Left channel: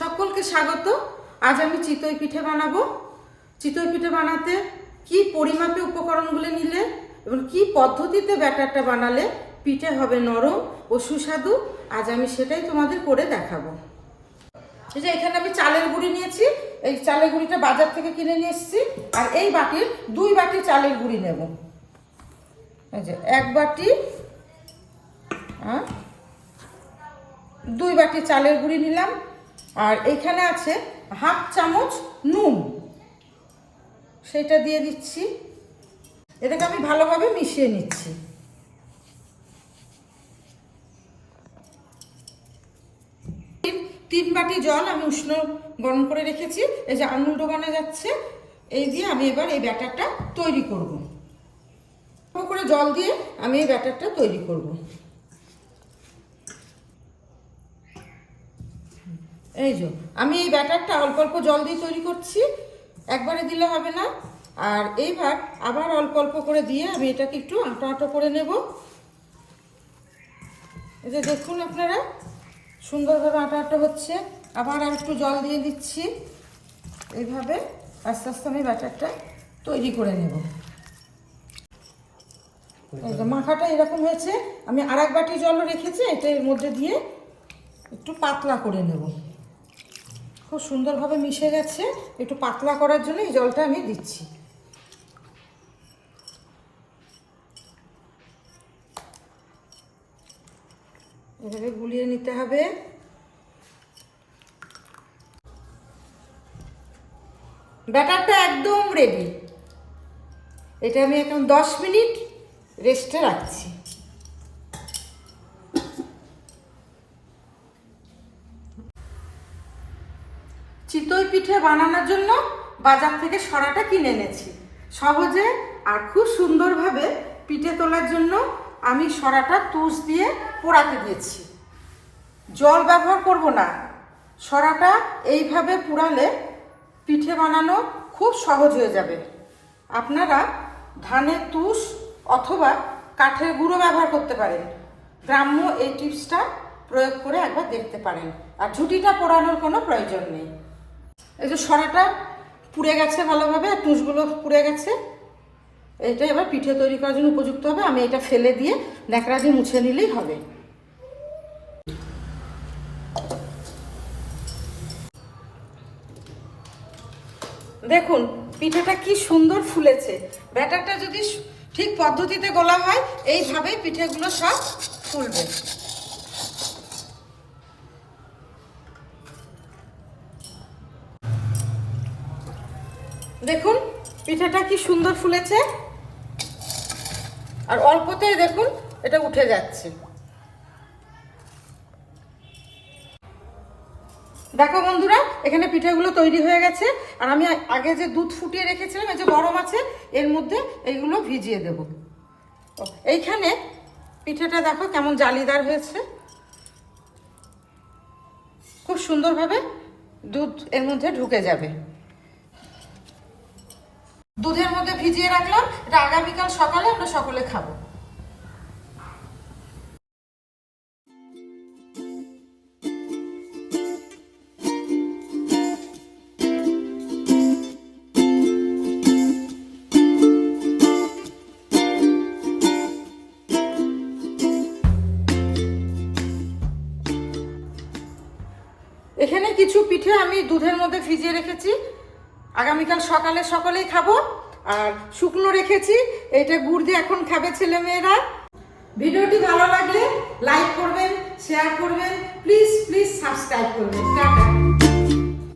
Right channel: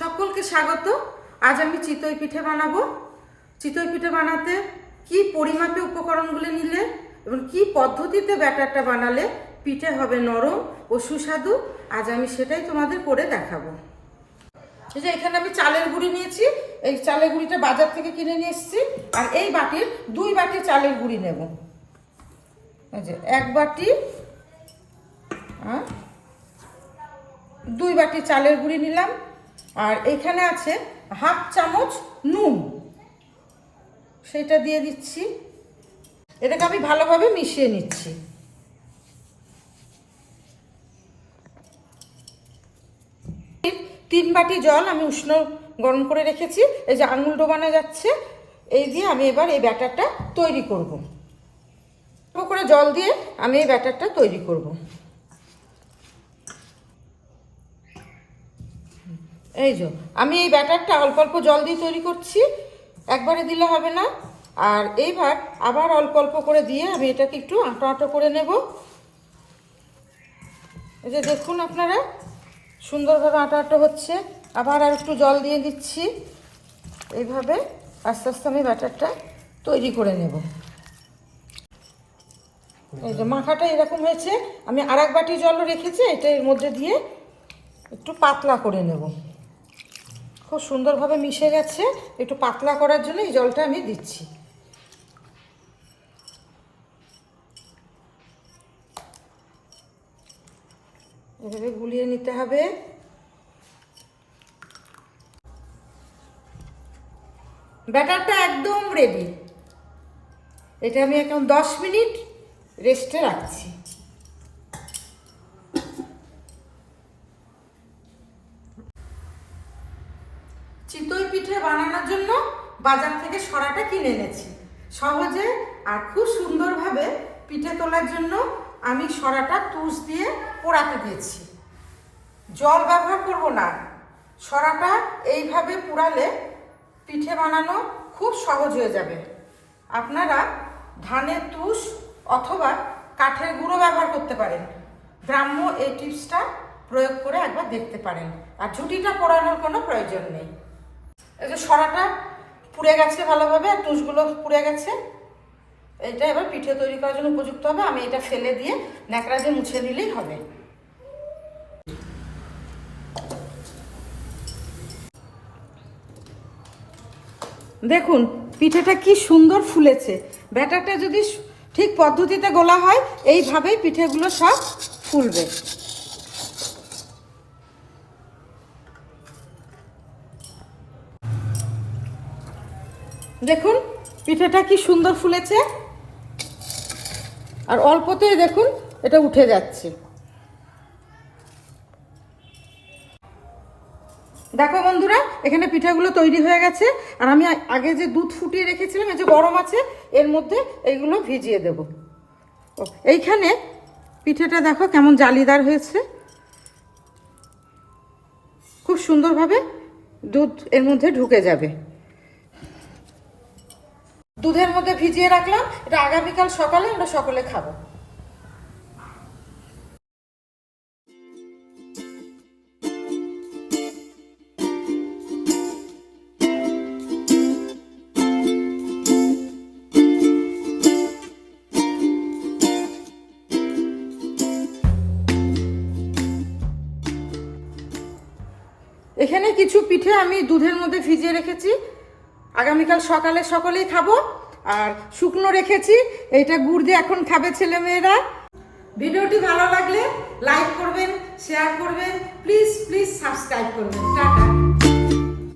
সকলকে স্বাগত। আজ আমি চিতই পিঠে বানাবো। চিতই পিঠে বানাতে কি পরিমাপে উপকরণগুলো নিলে এবং কি পদ্ধতিতে ব্যাটারটা বানালে পিঠে হবে নরম ও সুস্বাদু, আজ আমি সেটাই তোমাদের করে দেখাবো। এই যে এখানে আমি চালের গুঁড়ি নিয়েছি। এই চালের গুঁড়িটা বাজার থেকে কিনে নিয়ে এসেছি। আর এই বাটির 2 বাটি চালের গুঁড়ি নেব। এই যে 1 বাটি 2 বাটি চালের গুঁড়ি নিলাম। আর এখানে আছে হাফ চামচ নুন, সেটা দিয়ে দিচ্ছি। এটাকে আমি ভালোভাবে মিশিয়ে নিচ্ছি। তিন বাটি জল আমি উষ্ণ গরম করে রেখেছি। এই যে আঙুল ডোবানো যাচ্ছে, এই দিয়ে আমি এবার এই ব্যাটারটা তৈরি করব। করে জল দিয়ে আমি এই ব্যাটারটা তৈরি করব। এই যে আমি এই ব্যাটারটা অল্প অল্প জল দিয়ে তৈরি করছি, একবারে দিলে হবে না। আর এইবার আবার অল্প অল্প করে দিয়ে আমি এটাকে একটু আঁটো আঁটো করে নেব। এই যে দেখুন আপনারা, সুন্দরভাবে আঁটো আঁটো হচ্ছে। আবার আর একটু জল দিয়ে দিচ্ছি। এইভাবে আস্তে আস্তে আমি ব্যাটারটা তৈরি করে নেব। এই যে মাখাটা এরকম হয়েছে। আমি আর 1 বাটি জলও রেখেছি, এটা এর মধ্যে দিয়ে একটু পাতলা করে নেব। খুব সুন্দরভাবে মিশে গেছে। একটু পাতলা করার জন্য এই জলটা আমি দিচ্ছি। এভাবে গুলিয়ে নিতে হবে। ব্যাটারটা একদম রেডি। এটা আমি এখন 10 মিনিট রেস্টে রাখছি। চিতই পিঠে বানানোর জন্য বাজার থেকে সরাটা কিনে এনেছি। সহজে আর খুব সুন্দরভাবে পিঠে তোলার জন্য আমি সরাটা তুষ দিয়ে পোড়াতে দিয়েছি। জল ব্যবহার করব না। সরাটা এইভাবে পোড়ালে পিঠে বানানো খুব সহজ হয়ে যাবে। আপনারা ধানের তুষ অথবা কাঠের গুঁড়ো ব্যবহার করতে পারেন। গ্রাম্য এই টিপসটা প্রয়োগ করে একবার দেখতে পারেন। আর ঝুঁটিটা পোড়ানোর কোনো প্রয়োজন নেই। এই যে সরাটা পুড়ে গেছে ভালোভাবে, আর তুষগুলো পুড়ে গেছে। এইটা এবার পিঠে তৈরি করার জন্য উপযুক্ত হবে। আমি এটা ফেলে দিয়ে ন্যাকড়া দিয়ে মুছে নিলেই হবে। দেখুন পিঠেটা কি সুন্দর ফুলেছে। ব্যাটারটা যদি ঠিক পদ্ধতিতে গোলা হয়, এইভাবেই পিঠেগুলো সব ফুলবে। দেখুন পিঠেটা কি সুন্দর ফুলেছে। আর অল্পতেই দেখুন এটা উঠে যাচ্ছে। দেখো বন্ধুরা, এখানে পিঠাগুলো তৈরি হয়ে গেছে। আর আমি আগে যে দুধ ফুটিয়ে রেখেছিলাম, এই যে গরম আছে, এর মধ্যে এইগুলো ভিজিয়ে দেব। এইখানে পিঠেটা দেখো কেমন জালিদার হয়েছে। খুব সুন্দরভাবে দুধ এর মধ্যে ঢুকে যাবে। দুধের মধ্যে ভিজিয়ে রাখলাম। এটা আগামীকাল সকালে আমরা সকলে খাবো। এখানে কিছু পিঠে আমি দুধের মধ্যে ভিজিয়ে রেখেছি, আগামীকাল সকালে সকলেই খাবো। আর শুকনো রেখেছি, এটা গুড় দিয়ে এখন খাবে ছেলে মেয়েরা। ভিডিওটি ভালো লাগলে লাইক করবেন, শেয়ার করবেন, প্লিজ সাবস্ক্রাইব করবেন। টাটা।